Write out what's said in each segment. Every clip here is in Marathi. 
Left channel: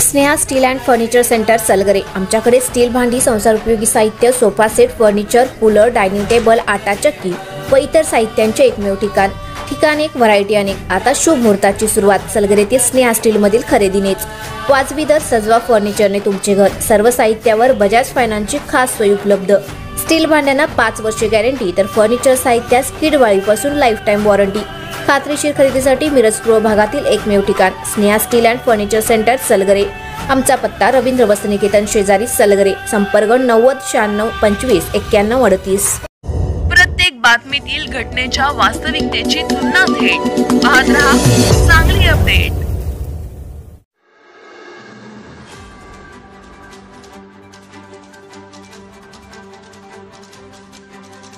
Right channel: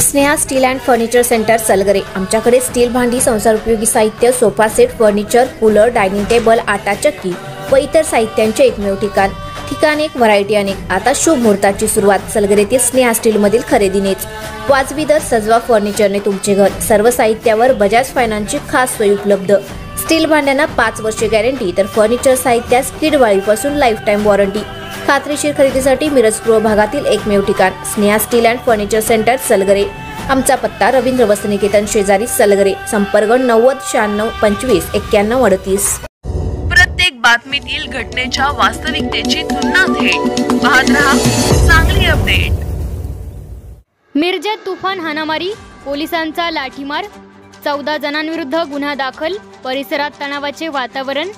Sneha steel and furniture centre Salgare. आमच्याकडे स्टील भांडी, संसार उपयोगी साहित्य, sofa set, furniture, cooler, dining table, आटा चक्की व इतर साहित्यांचे एकमेव ठिकाण एक, व्हरायटी अनेक। आता शुभ मुहूर्ताची सुरुवात सलगरेतील स्नेहा स्टील मधील खरेदीनेच। वाजवी दर, सजवा फर्निचरने तुमचे घर। सर्व साहित्यावर बजाज फायनान्सची खास सोय उपलब्ध। स्टील भांड्यांना 5 वर्षे गॅरंटी, तर फर्निचर साहित्यास किडवाळीपासून लाईफ टाइम वॉरंटी। खात्रीशीर खरेदीसाठी मिरज पूर्व भागातील एकमेव ठिकाण Sneha steel and furniture centre Salgare. आमचा पत्ता रवींद्र वस्त्रनिकेतन शेजारी सलगरे। संपर्क 90 96 25 91 38। प्रत्येक बातमीतील घटनेच्या वास्तविकतेची तुलना थेट पाहत रहा चांगली अपडेट। मिरजेत तुफान हाणामारी, पोलिसांचा लाठीमार, 14 जणांविरुद्ध गुन्हा दाखल, परिसरात तणावाचे वातावरण।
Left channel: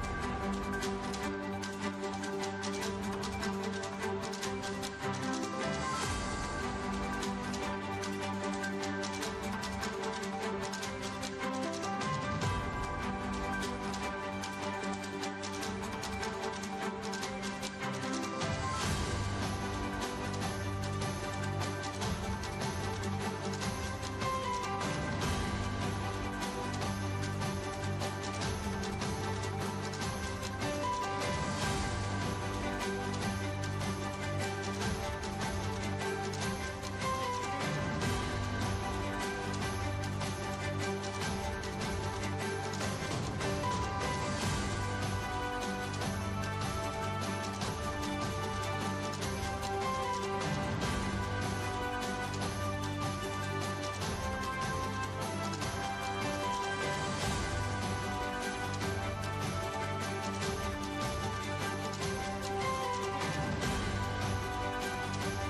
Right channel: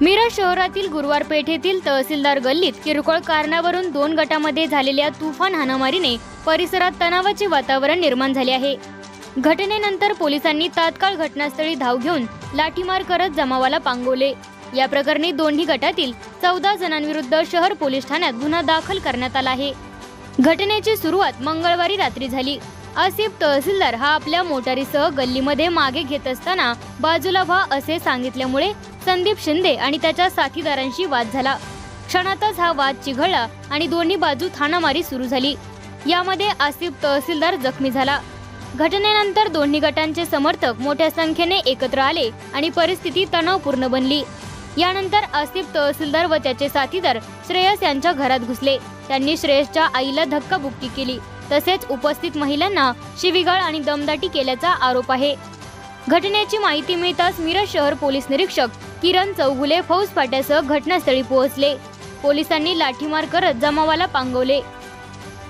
मिरज शहरातील गुरुवार पेठेतील तहसीलदार गल्लीत किरकोळ कारणावरून 2 गटांमध्ये झालेल्या तुफान हाणामारीने परिसरात तणावाचे वातावरण निर्माण झाले आहे। घटनेनंतर पोलिसांनी तात्काळ घटनास्थळी धाव घेऊन लाठीमार करत जमावाला पांगवले। या प्रकरणी दोन्ही गटातील 14 जणांविरुद्ध शहर पोलीस ठाण्यात गुन्हा दाखल करण्यात आला आहे। घटनेची सुरुवात मंगळवारी रात्री झाली। आसिफ तहसीलदार हा आपल्या मोटारीसह गल्लीमध्ये मागे घेत असताना बाजूला व्हा असे सांगितल्यामुळे संदीप शिंदे आणि त्याच्या साथीदारांशी वाद झाला। क्षणातच हा वाद चिघळला आणि दोन्ही बाजूत हाणामारी सुरू झाली। यामध्ये आसिफ तहसीलदार जखमी झाला। घटनेनंतर दोन्ही गटांचे समर्थक मोठ्या संख्येने एकत्र आले आणि परिस्थिती तणावपूर्ण बनली। यानंतर आसिफ तहसीलदार व त्याचे साथीदार श्रेयस यांच्या घरात घुसले। त्यांनी श्रेयसच्या आईला धक्काबुक्की केली, तसेच उपस्थित महिलांना शिवीगाळ आणि दमदाटी केल्याचा आरोप आहे। घटनेची माहिती मिळताच मिरज शहर पोलीस निरीक्षक किरण चौगुले फौज फाट्यासह घटनास्थळी पोहोचले। पोलिसांनी लाठीमार करत जमावाला पांगवले।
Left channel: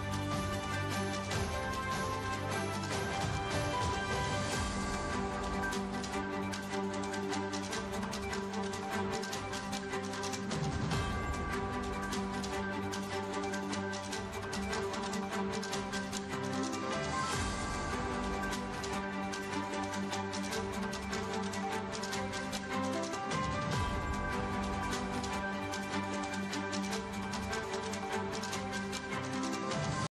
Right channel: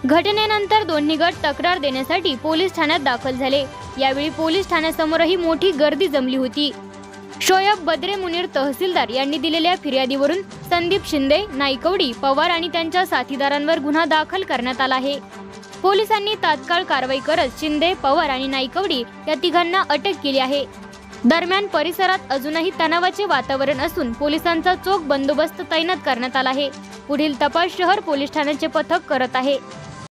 घटनेनंतर दोन्ही गट तक्रार देण्यासाठी पोलीस ठाण्यात दाखल झाले। यावेळी पोलीस ठाण्यासमोरही मोठी गर्दी जमली होती। शोयब बद्रे मुनीर तहसीलदार यांनी दिलेल्या फिर्यादीवरून संदीप शिंदे, नाईकवडी, पवार आणि त्यांच्या साथीदारांवर गुन्हा दाखल करण्यात आला आहे। पोलिसांनी तात्काळ कारवाई करत शिंदे, पवार आणि नाईकवडी या तिघांना अटक केली आहे। दरम्यान परिसरात अजूनही तणावाचे वातावरण असून पोलिसांचा चोख बंदोबस्त तैनात करण्यात आला आहे। पुढील तपास शहर पोलीस ठाण्याचे पथक करत आहे।